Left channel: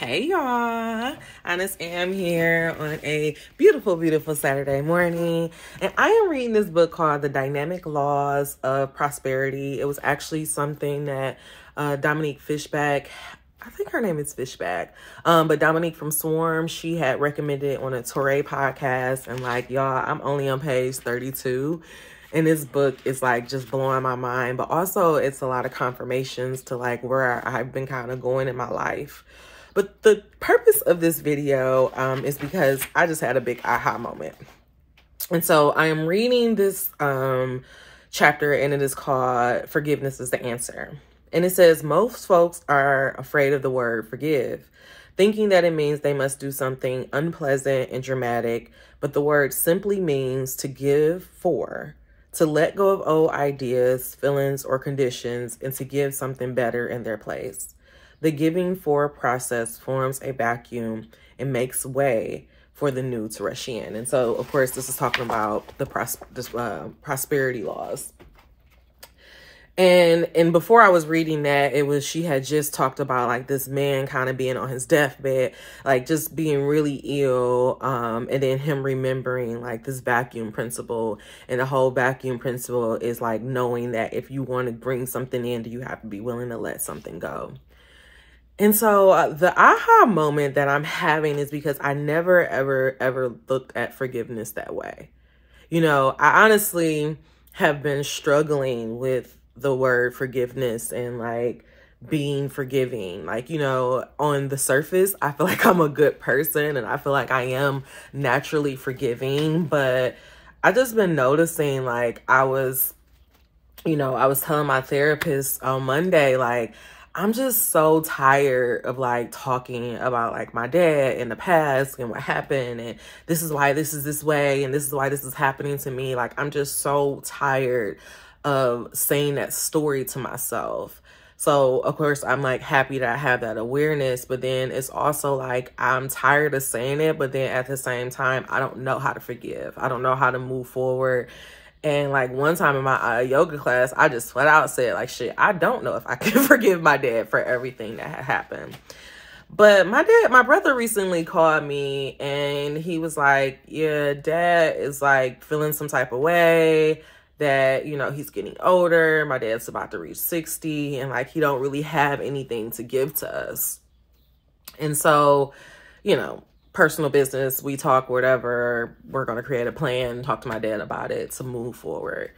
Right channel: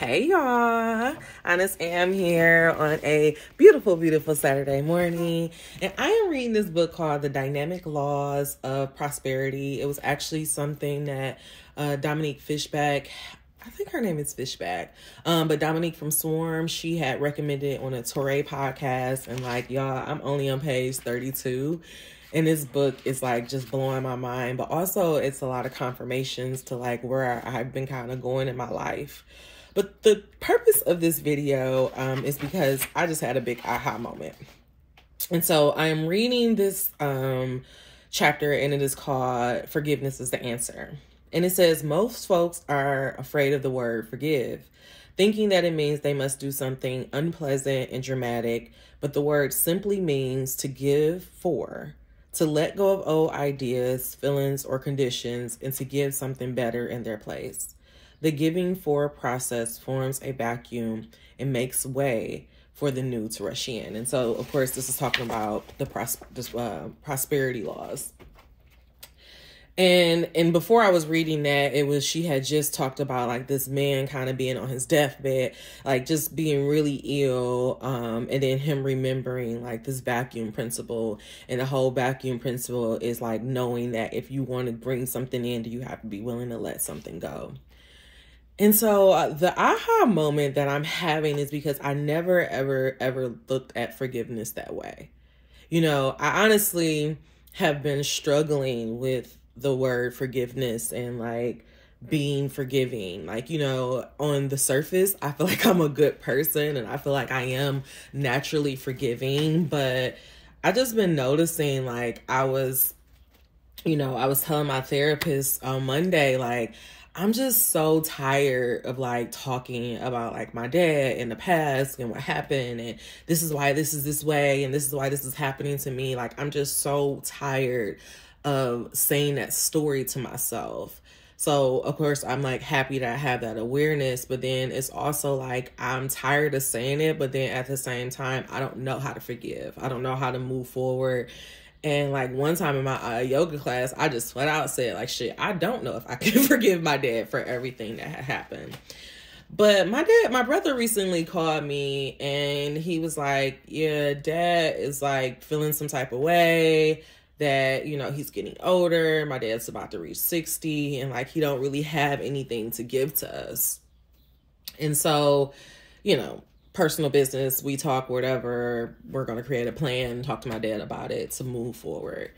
Hey y'all, Honest Am here on a beautiful, beautiful Saturday morning. And I am reading this book called The Dynamic Laws of Prosperity. It was actually something that Dominique Fishback, I think her name is Fishback, but Dominique from Swarm, she had recommended on a Torre podcast. And like, y'all, I'm only on page 32. And this book is like just blowing my mind, but also it's a lot of confirmations to like where I've been kind of going in my life. But the purpose of this video is because I just had a big aha moment. And so I am reading this chapter, and it is called Forgiveness is the Answer. And it says, most folks are afraid of the word forgive, thinking that it means they must do something unpleasant and dramatic, but the word simply means to give for, to let go of old ideas, feelings, or conditions, and to give something better in their place. The giving for process forms a vacuum and makes way for the new to rush in. And so, of course, this is talking about the prosperity laws. And before I was reading that, she had just talked about like this man kind of being on his deathbed, like just being really ill. And then him remembering like this vacuum principle, and the whole vacuum principle is like knowing that if you want to bring something in, you have to be willing to let something go. And so the aha moment that I'm having is because I never, ever looked at forgiveness that way. You know, I honestly have been struggling with the word forgiveness and like being forgiving. Like, you know, on the surface, I feel like I'm a good person and I feel like I am naturally forgiving, but I just been noticing like I was telling my therapist on Monday, like, I'm just so tired of like talking about like my dad in the past and what happened, and this is why this is this way, and this is why this is happening to me. Like, I'm just so tired of saying that story to myself. So of course I'm like happy that I have that awareness, but then it's also like I'm tired of saying it, but then at the same time, I don't know how to forgive. I don't know how to move forward. And like one time in my yoga class, I just flat out said like, shit, I don't know if I can forgive my dad for everything that had happened. But my brother recently called me and he was like, yeah, dad is like feeling some type of way that, you know, he's getting older. My dad's about to reach 60 and like, he don't really have anything to give to us. And so, you know, personal business, we talk, whatever, we're going to create a plan, talk to my dad about it to move forward.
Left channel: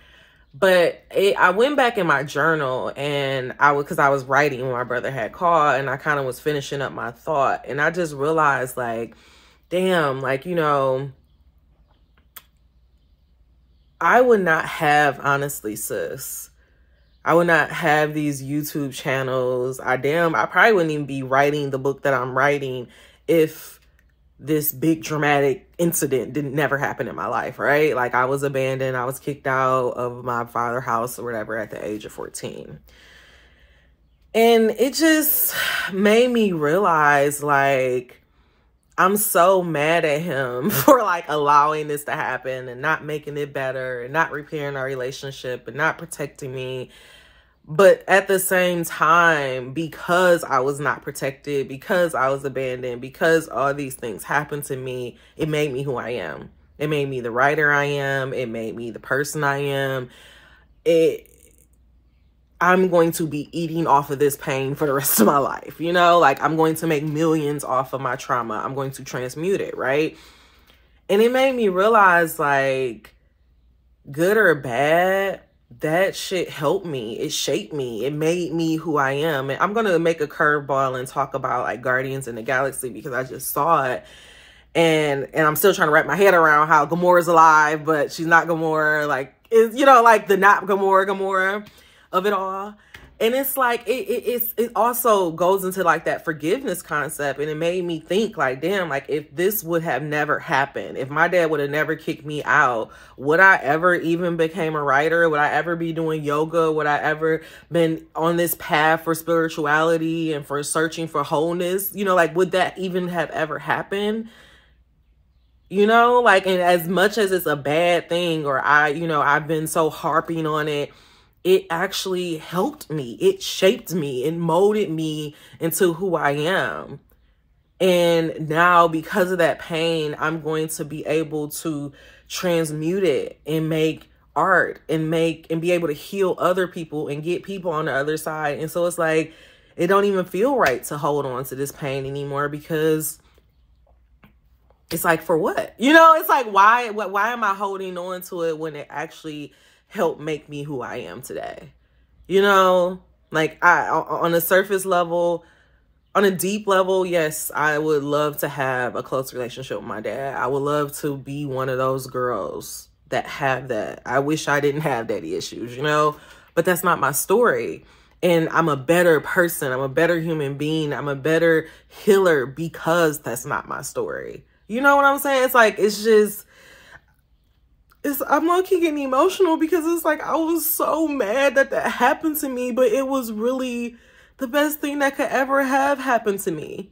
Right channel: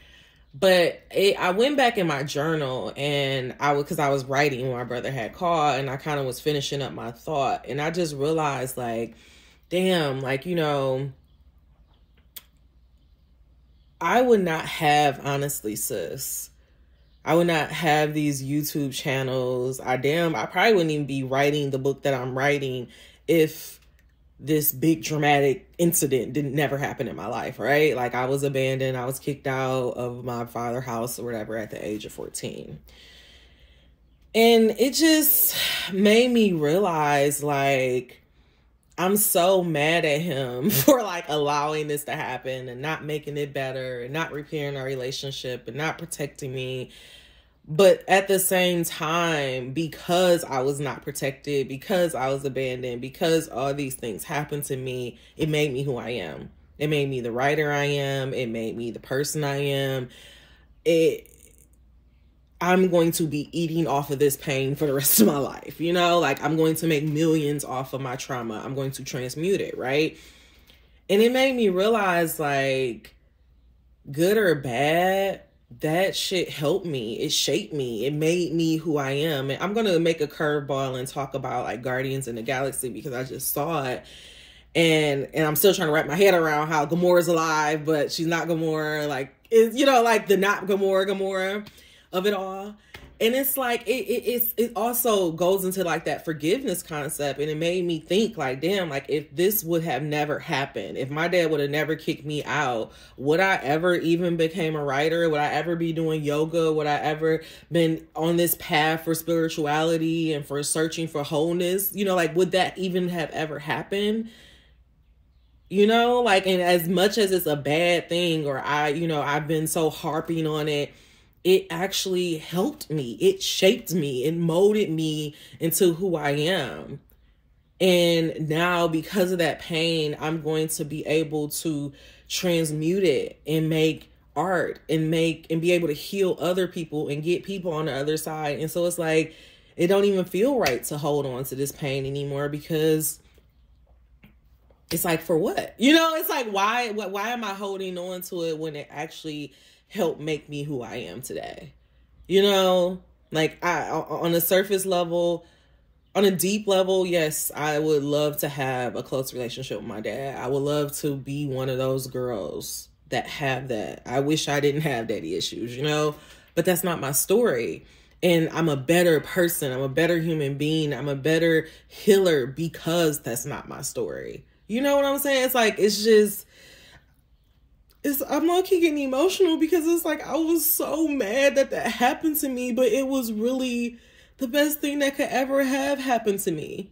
But I went back in my journal and because I was writing when my brother had called, and I kind of was finishing up my thought, and I just realized like, damn, like, you know, I would not have, honestly, sis, I would not have these YouTube channels. I probably wouldn't even be writing the book that I'm writing if this big dramatic incident never happen in my life, right? Like, I was abandoned. I was kicked out of my father's house or whatever at the age of 14. And it just made me realize, like, I'm so mad at him for like allowing this to happen and not making it better and not repairing our relationship and not protecting me. But at the same time, because I was not protected, because I was abandoned, because all these things happened to me, it made me who I am. It made me the writer I am. It made me the person I am. I'm going to be eating off of this pain for the rest of my life. You know, like, I'm going to make millions off of my trauma. I'm going to transmute it, right? And it made me realize, like, good or bad, that shit helped me. It shaped me. It made me who I am. And I'm going to make a curveball and talk about like Guardians in the Galaxy because I just saw it. And I'm still trying to wrap my head around how Gamora's alive, but she's not Gamora. Like, you know, like the not Gamora of it all. And it's like, it also goes into like that forgiveness concept. And it made me think like, damn, like if this would have never happened, if my dad would have never kicked me out, would I ever even became a writer? Would I ever be doing yoga? Would I ever been on this path for spirituality and for searching for wholeness? You know, like, would that even have ever happened? You know, like, and as much as it's a bad thing, or I've been so harping on it, it actually helped me. It shaped me. It molded me into who I am. And now because of that pain, I'm going to be able to transmute it and make art and be able to heal other people and get people on the other side. And so it's like, it don't even feel right to hold on to this pain anymore, because it's like, for what? You know, it's like, why am I holding on to it when it actually helped make me who I am today? You know, like, on a surface level, on a deep level, yes, I would love to have a close relationship with my dad. I would love to be one of those girls that have that. I wish I didn't have daddy issues, you know, but that's not my story. And I'm a better person. I'm a better human being. I'm a better healer because that's not my story. You know what I'm saying? It's like, I'm low-key getting emotional, because it's like, I was so mad that happened to me, but it was really the best thing that could ever have happened to me.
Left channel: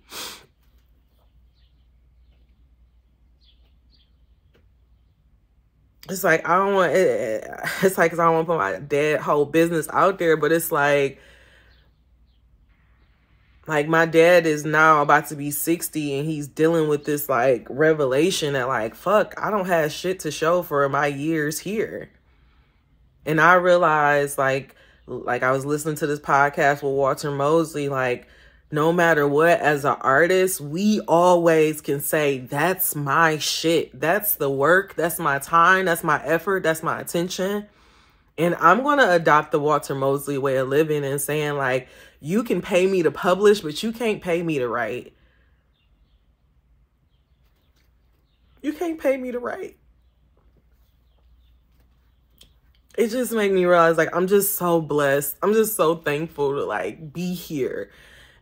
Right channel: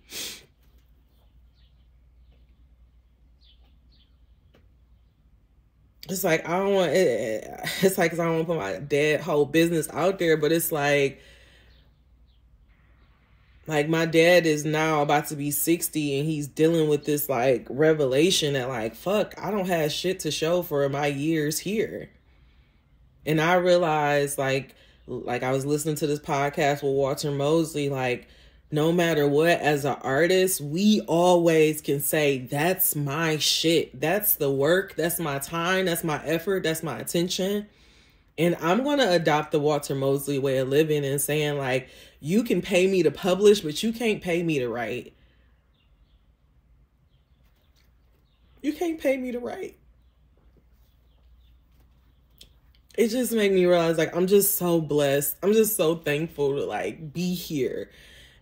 It's like, I don't want it. It's like, 'cause I don't want to put my dad whole business out there, but it's like my dad is now about to be 60, and he's dealing with this like revelation that like, fuck, I don't have shit to show for my years here. And I realized like I was listening to this podcast with Walter Mosley, like, no matter what, as an artist, we always can say, that's my shit. That's the work. That's my time. That's my effort. That's my attention. And I'm going to adopt the Walter Mosley way of living and saying, like, you can pay me to publish, but you can't pay me to write. You can't pay me to write. It just made me realize, like, I'm just so blessed. I'm just so thankful to, like, be here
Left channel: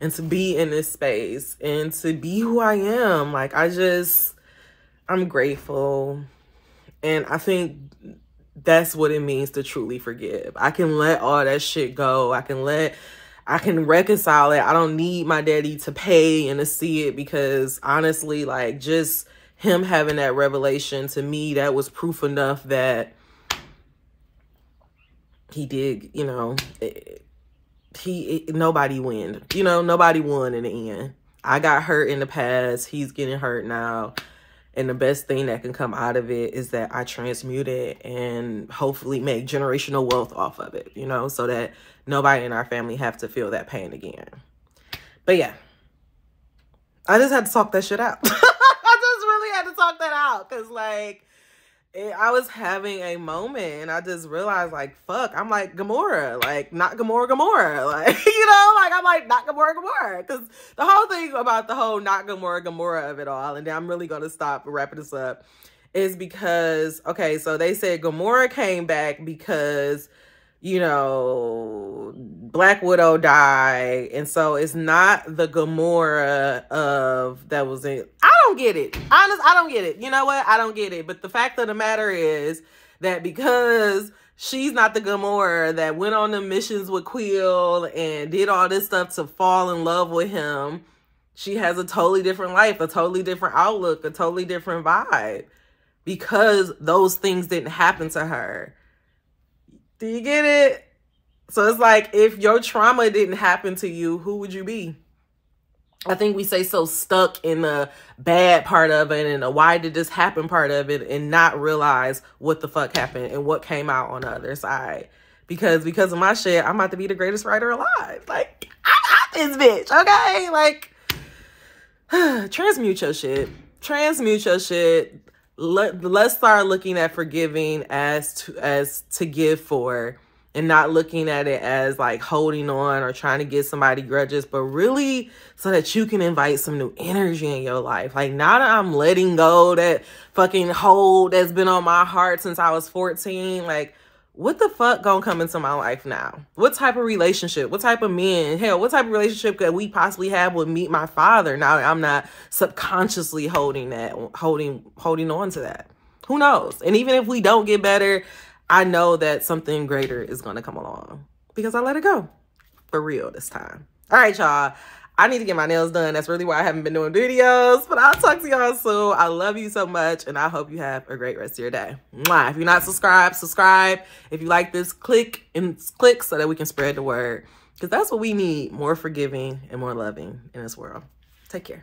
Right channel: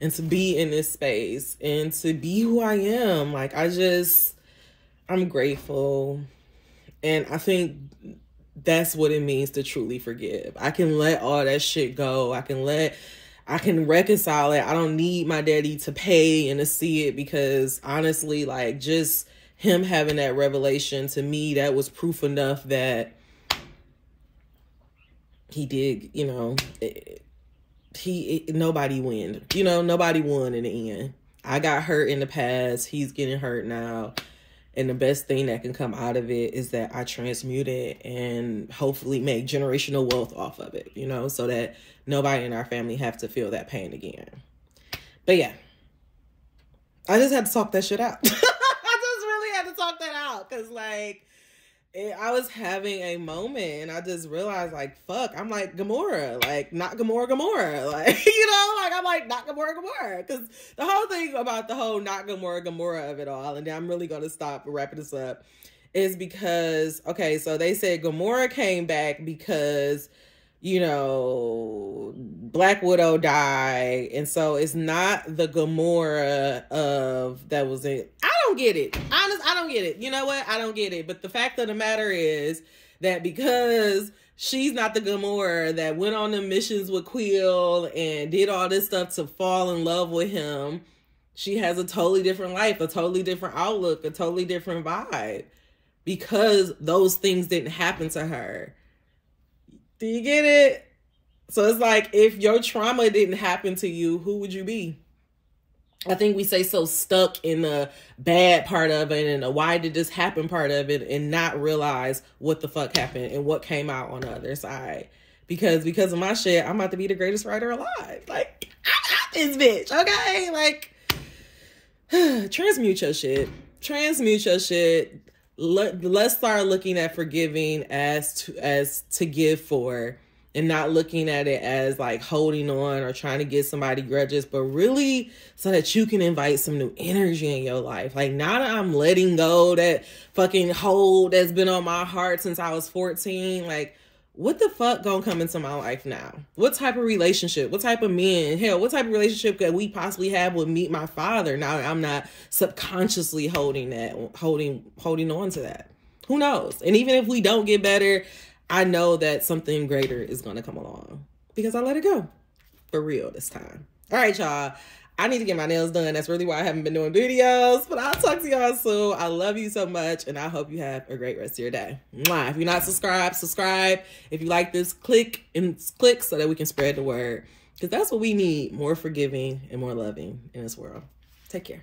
and to be in this space and to be who I am. Like, I'm grateful. And I think that's what it means to truly forgive. I can let all that shit go. I can reconcile it. I don't need my daddy to pay and to see it, because honestly, like, just him having that revelation, to me, that was proof enough that he did, you know, nobody won, you know, nobody won in the end. I got hurt in the past. He's getting hurt now. And the best thing that can come out of it is that I transmute it and hopefully make generational wealth off of it, you know, so that nobody in our family have to feel that pain again. But yeah, I just had to talk that shit out. I just really had to talk that out, because like, I was having a moment and I just realized, like, fuck, I'm like Gamora, like, not Gamora, like, you know, like, I'm like, not Gamora, because the whole thing about the whole not Gamora of it all, and then I'm really going to stop wrapping this up, is because, okay, so they said Gamora came back because, you know, Black Widow died, and so it's not the Gamora of that was in. I don't get it. I don't get it. You know what? I don't get it. But the fact of the matter is that because she's not the Gamora that went on the missions with Quill and did all this stuff to fall in love with him, she has a totally different life, a totally different outlook, a totally different vibe, because those things didn't happen to her. Do you get it? So it's like, if your trauma didn't happen to you, who would you be? I think we say so stuck in the bad part of it and the why did this happen part of it, and not realize what the fuck happened and what came out on the other side. Because of my shit, I'm about to be the greatest writer alive. Like, I'm this bitch, okay? Like, transmute your shit. Transmute your shit. Let's start looking at forgiving as to give for, and not looking at it as like holding on or trying to get somebody grudges, but really so that you can invite some new energy in your life. Like, now that I'm letting go that fucking hold that's been on my heart since I was 14, like, what the fuck gonna come into my life now? What type of relationship? What type of men? Hell, what type of relationship could we possibly have with my father now that I'm not subconsciously holding on to that? Who knows? And even if we don't get better, I know that something greater is going to come along because I let it go for real this time. All right, y'all. I need to get my nails done. That's really why I haven't been doing videos, but I'll talk to y'all soon. I love you so much, and I hope you have a great rest of your day. Mwah. If you're not subscribed, subscribe. If you like this, click so that we can spread the word, because that's what we need, more forgiving and more loving in this world. Take care.